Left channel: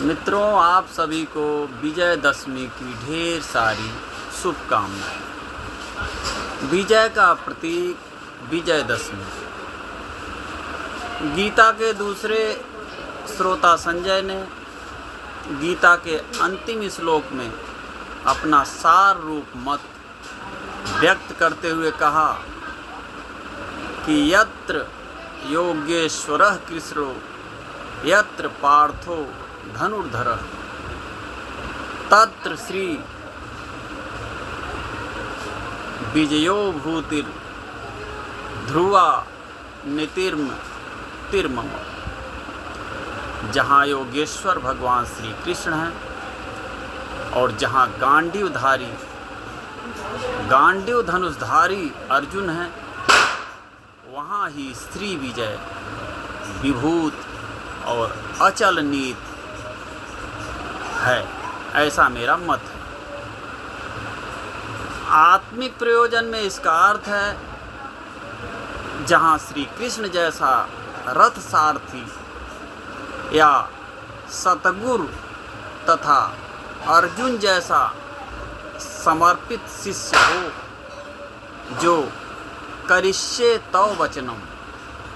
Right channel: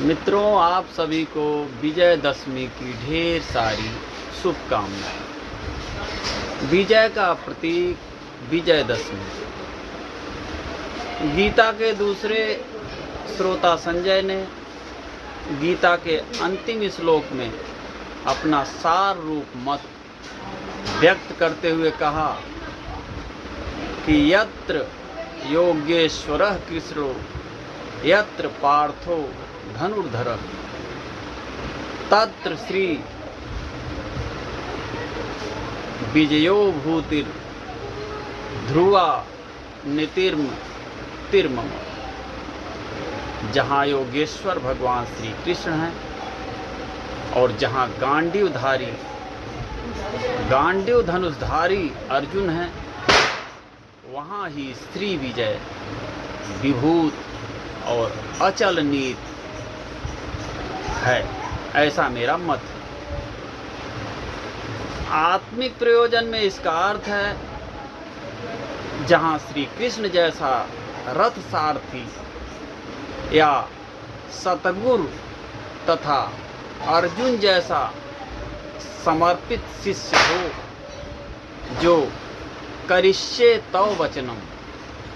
मित्रों, आप सभी को विजयदशमी की ढेर सारी शुभकामनाएं। विजय का प्रतीक विजयदशमी। गीता के दूसरे श्रोता संजय ने गीता के अंतिम श्लोक में अपना सार रूप मत व्यक्त करते हुए कहा कि यत्र योगेश्वरः कृष्णो यत्र पार्थो धनुर्धरः तत्र श्री विजयो भूतिर ध्रुवा तिर्मम। जहाँ योगेश्वर भगवान श्री कृष्ण हैं और जहाँ गांडीव धनुषधारी अर्जुन हैं, वहाँ ही श्री विजय विभूत और अचल नीत है, ऐसा मेरा मत है। आत्मिक प्रयोजन में इसका अर्थ है जहाँ श्री कृष्ण जैसा रथ सारथी या सतगुरु तथा अर्जुन जैसा समर्पित शिष्य हो, जो करिष्ये तव वचनम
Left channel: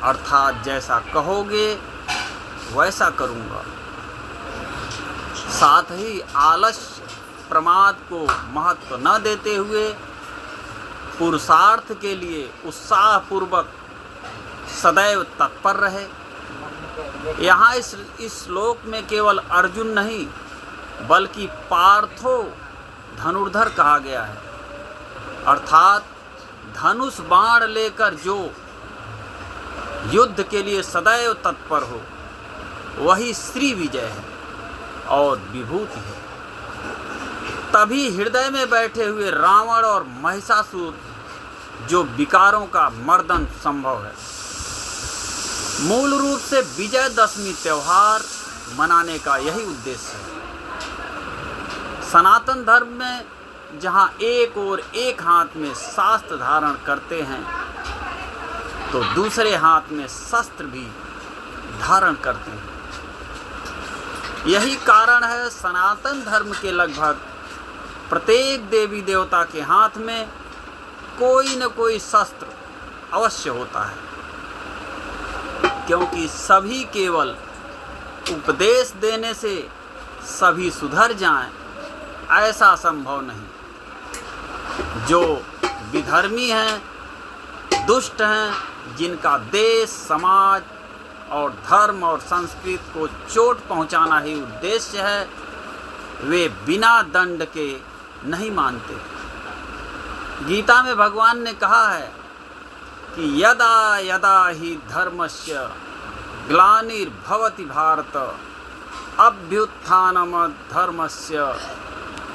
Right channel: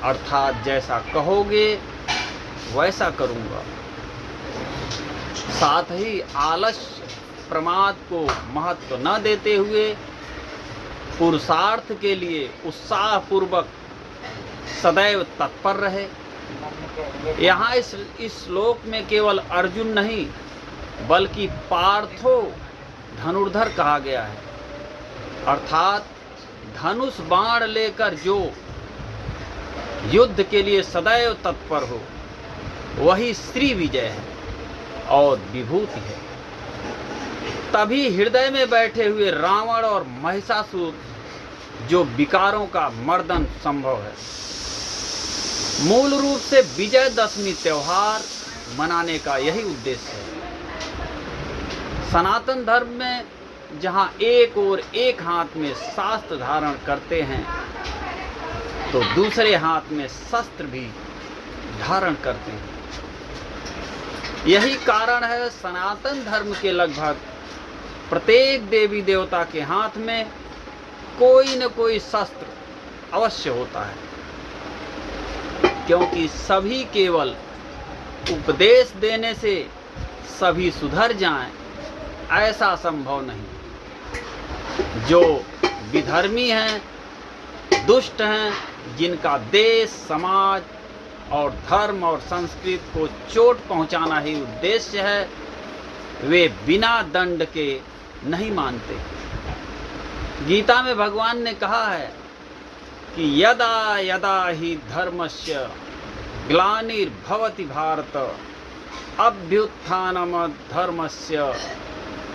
अर्थात जैसा कहोगे वैसा करूँगा, साथ ही आलस्य प्रमाद को महत्व न देते हुए पुरुषार्थ के लिए उत्साहपूर्वक सदैव तत्पर रहे। यहाँ इस श्लोक में केवल अर्जुन नहीं बल्कि पार्थो धनुर्धर कहा गया है, अर्थात धनुष बाण लेकर जो युद्ध के लिए सदैव तत्पर हो, वही श्री विजय है और विभूति है। तभी हृदय में बैठे हुए रावण और महिषासुर जो विकारों का मर्दन संभव है। मूल रूप से विजयदशमी त्यौहार मनाने का यही उद्देश्य है। सनातन धर्म में जहाँ एक और एक हाथ में शास्त्र धारण करते हैं तो दूसरे हाथ में शस्त्र भी धारण करते हैं। यही कारण है सनातन धर्म के लगभग प्रत्येक देवी देवता के हाथ में कोई न कोई शस्त्र अवश्य होता है, क्योंकि सभी केवल उपदेश देने से सभी सुधर जाएं, ऐसा संभव नहीं। जो विधर्मी हैं, दुष्ट हैं, जिनका देश समाज और धर्म और संस्कृति को चोट पहुंचाना ही उद्देश्य है, वे बिना दंड के नहीं मानते। गीता में भगवान ने कहा है कि यदा यदा ही धर्मस्य ग्लानिर्भवति भारत अभ्युत्थानम धर्मस्य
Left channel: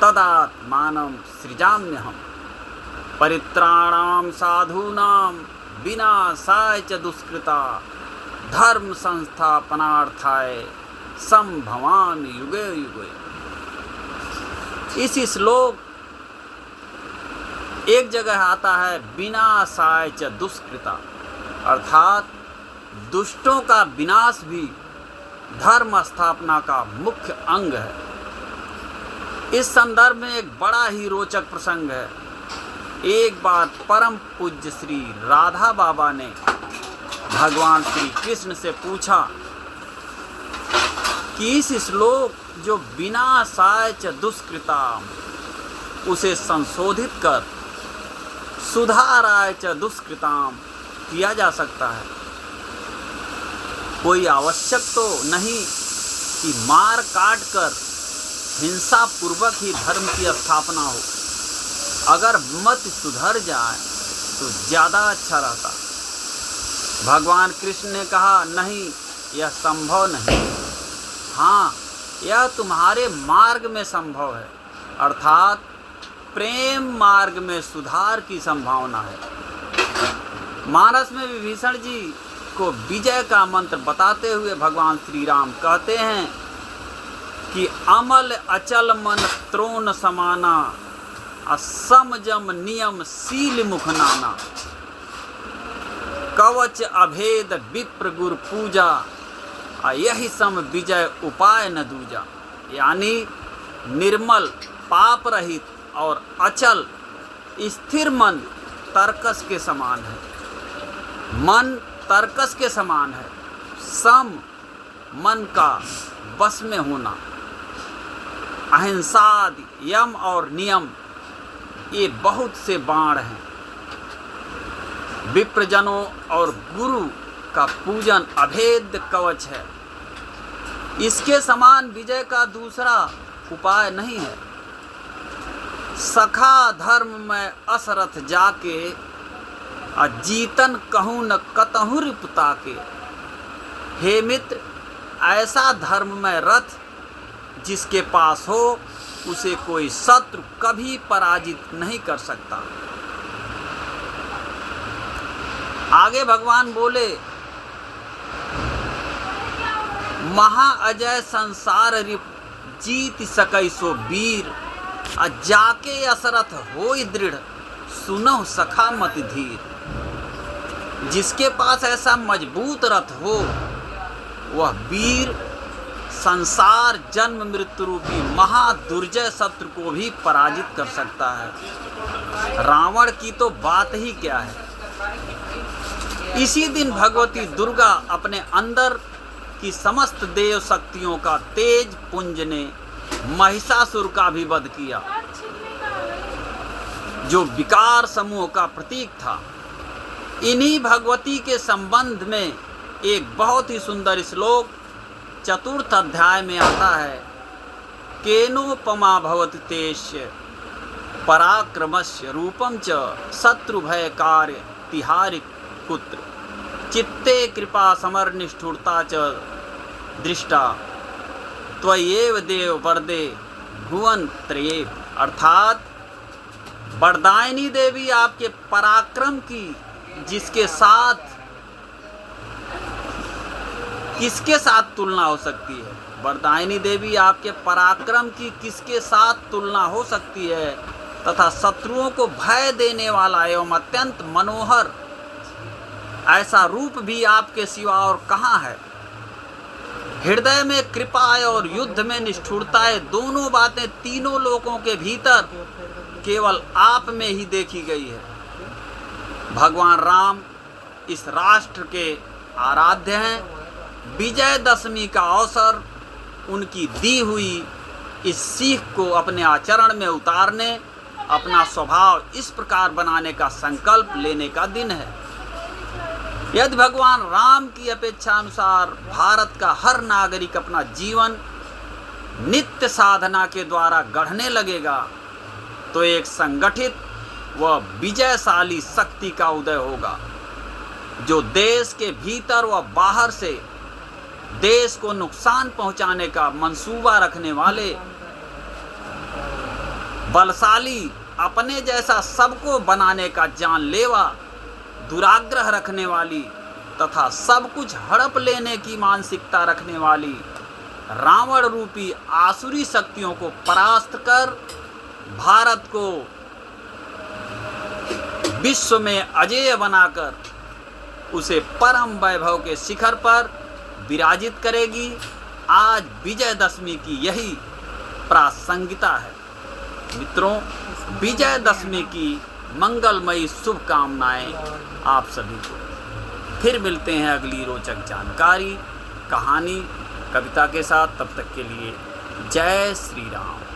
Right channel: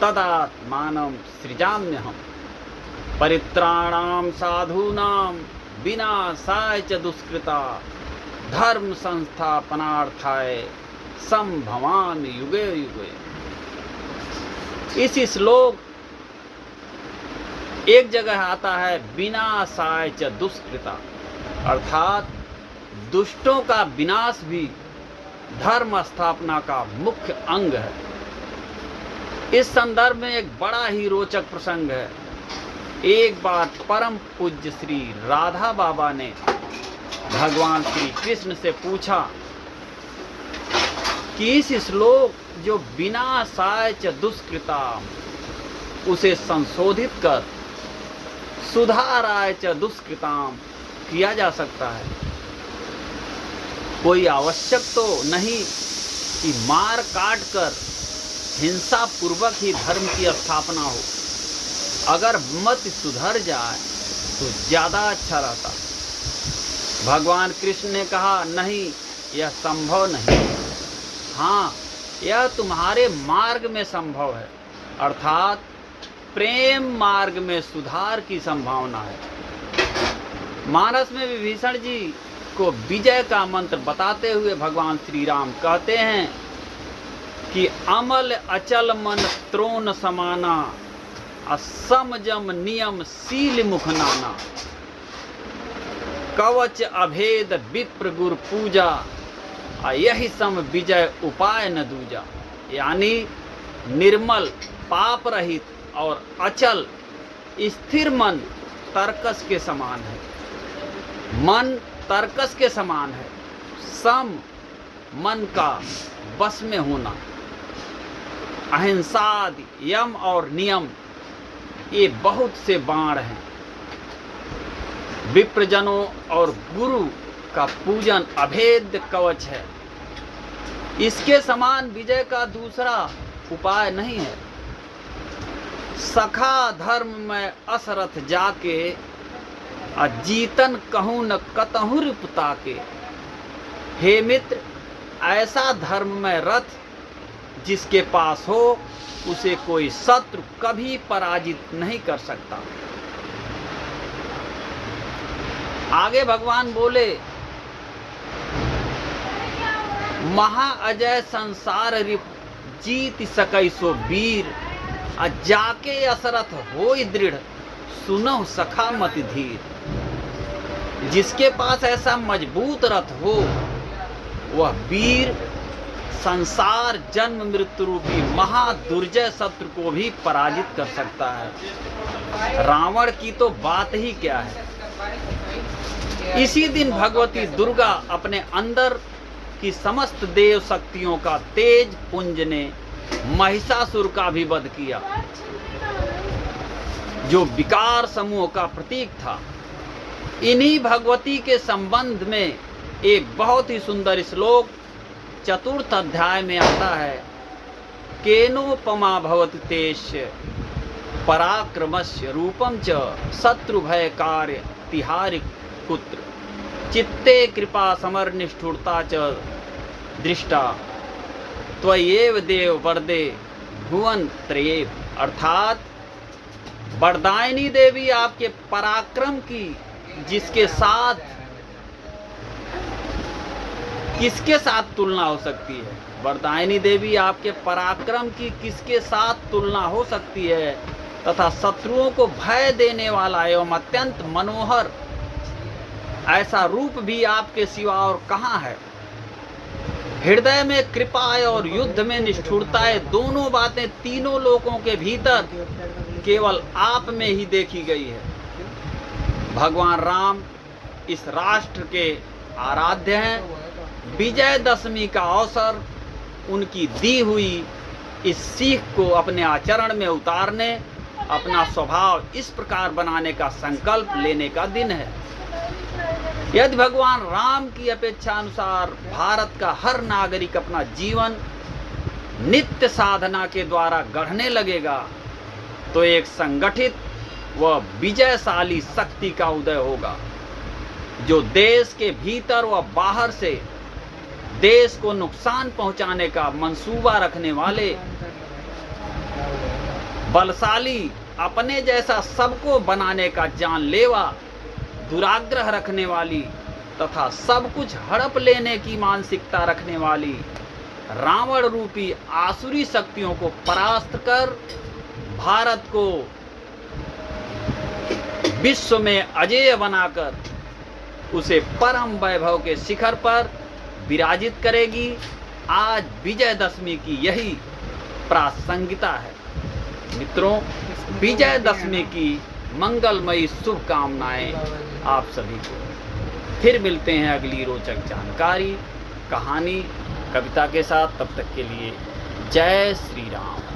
तदात्मानं सृजाम्यहम् परित्राणां साधूनां विनाशाय च दुष्कृता धर्म संस्थापनार्थाय संभवामि युगे युगे। इस श्लोक एक जगह आता है विनाशाय च दुष्कृता, अर्थात दुष्टों का विनाश भी धर्म स्थापना का मुख्य अंग है। इस संदर्भ में एक बड़ा ही रोचक प्रसंग है। एक बार परम पूज्य श्री राधा बाबा ने भगवान श्री कृष्ण से पूछा कि इस श्लोक जो विनाशाय च दुष्कृता, उसे संशोधित कर सुधाराय च दुष्कृताम किया जा सकता है। कोई आवश्यक तो नहीं कि मार काट कर हिंसा पूर्वक ही धर्म की स्थापना हो। अगर मत सुधर जाए तो ज़्यादा अच्छा रहता। भगवान कृष्ण ने कहा, नहीं, यह संभव नहीं। हाँ, यह तुम्हारे मार्ग में संभव है, अर्थात प्रेम मार्ग में सुधार की संभावना है। मानस में विभीषण जी को विजय का मंत्र बताते हुए भगवान श्री राम कहते हैं कि अमल अचल मन त्रोण समाना असमजम नियम शील मुख नाना कवच अभेद विप्र गुर पूजा यही सम विजय उपाय न दूजा। यानी निर्मल, पाप रहित और अचल स्थिर मन तर्कस के समान है। मन तर्कस के समान है। सम मन का बस में होना। अहिंसा, यम और नियम ये बहुत से बाण हैं। विप्रजनों और गुरु का पूजन अभेद्य कवच है। इसके समान विजय का दूसरा उपाय नहीं है। सखा धर्म में असरथ जाके, जीतन कहूँ न कतहु रिपुता के। हे मित्र, ऐसा धर्म में रथ जिसके पास हो, उसे कोई शत्रु कभी पराजित नहीं कर सकता। आगे भगवान बोले, महा अजय संसार रिप जीत सकई सो वीर। जाके असरथ होई दृढ़, सुनहु सखा मति धीर। जिसके पास ऐसा मजबूत रथ हो, वह वीर संसार जन्म मृत्यु रूपी महादुर्जय शत्रु को भी पराजित कर सकता है। रावण की तो बात ही क्या है। इसी दिन भगवती दुर्गा अपने अंदर की समस्त देव शक्तियों का तेज पुंज ने महिषासुर का भी वध किया, जो विकार समूह का प्रतीक था। इन्हीं भगवती के संबंध में एक बहुत ही सुंदर श्लोक चतुर्थ अध्याय में आता है। केनोपमा भवति तेस्य पराक्रमस्य रूपम च शत्रु भय कार्य तिहारि पुत्र। चित्ते कृपा समर निष्ठुरता च दृष्टा, त्वयेव देव वरदे भुवन त्रयेव। अर्थात वरदायिनी देवी आपके पराक्रम की जिसके साथ किसके साथ तुलना हो सकती है। वरदायिनी देवी आपके पराक्रम की किसके साथ तुलना हो सकती है, तथा शत्रुओं को भय देने वाला एवं अत्यंत मनोहर ऐसा रूप भी आपके सिवा और कहाँ है। हृदय में कृपा और युद्ध में निष्ठुरता, दोनों बातें तीनों लोकों के भीतर केवल आप में ही देखी गई है। भगवान राम इस राष्ट्र के आराध्य हैं। विजयदशमी का अवसर उनकी दी हुई इस सीख को अपने आचरण में उतारने, अपना स्वभाव इस प्रकार बनाने का संकल्प लेने का दिन है। यदि भगवान राम की अपेक्षा अनुसार भारत का हर नागरिक अपना जीवन नित्य साधना के द्वारा गढ़ने लगेगा, तो एक संगठित व विजयशाली शक्ति का उदय होगा, जो देश के भीतर व बाहर से देश को नुकसान पहुंचाने का मंसूबा रखने वाले बलशाली, अपने जैसा सबको बनाने का जानलेवा, दुराग्रह रखने वाली तथा सब कुछ हड़प लेने की मानसिकता रखने वाली रावण रूपी आसुरी शक्तियों को परास्त कर भारत को विश्व में अजेय बनाकर उसे परम वैभव के शिखर पर विराजित करेगी। आज विजयदशमी की यही प्रासंगिकता है। मित्रों, विजयदशमी की मंगलमयी शुभकामनाएं आप सभी को। फिर मिलते हैं अगली रोचक जानकारी, कहानी, कविता के साथ। तब तक के लिए जय श्री राम।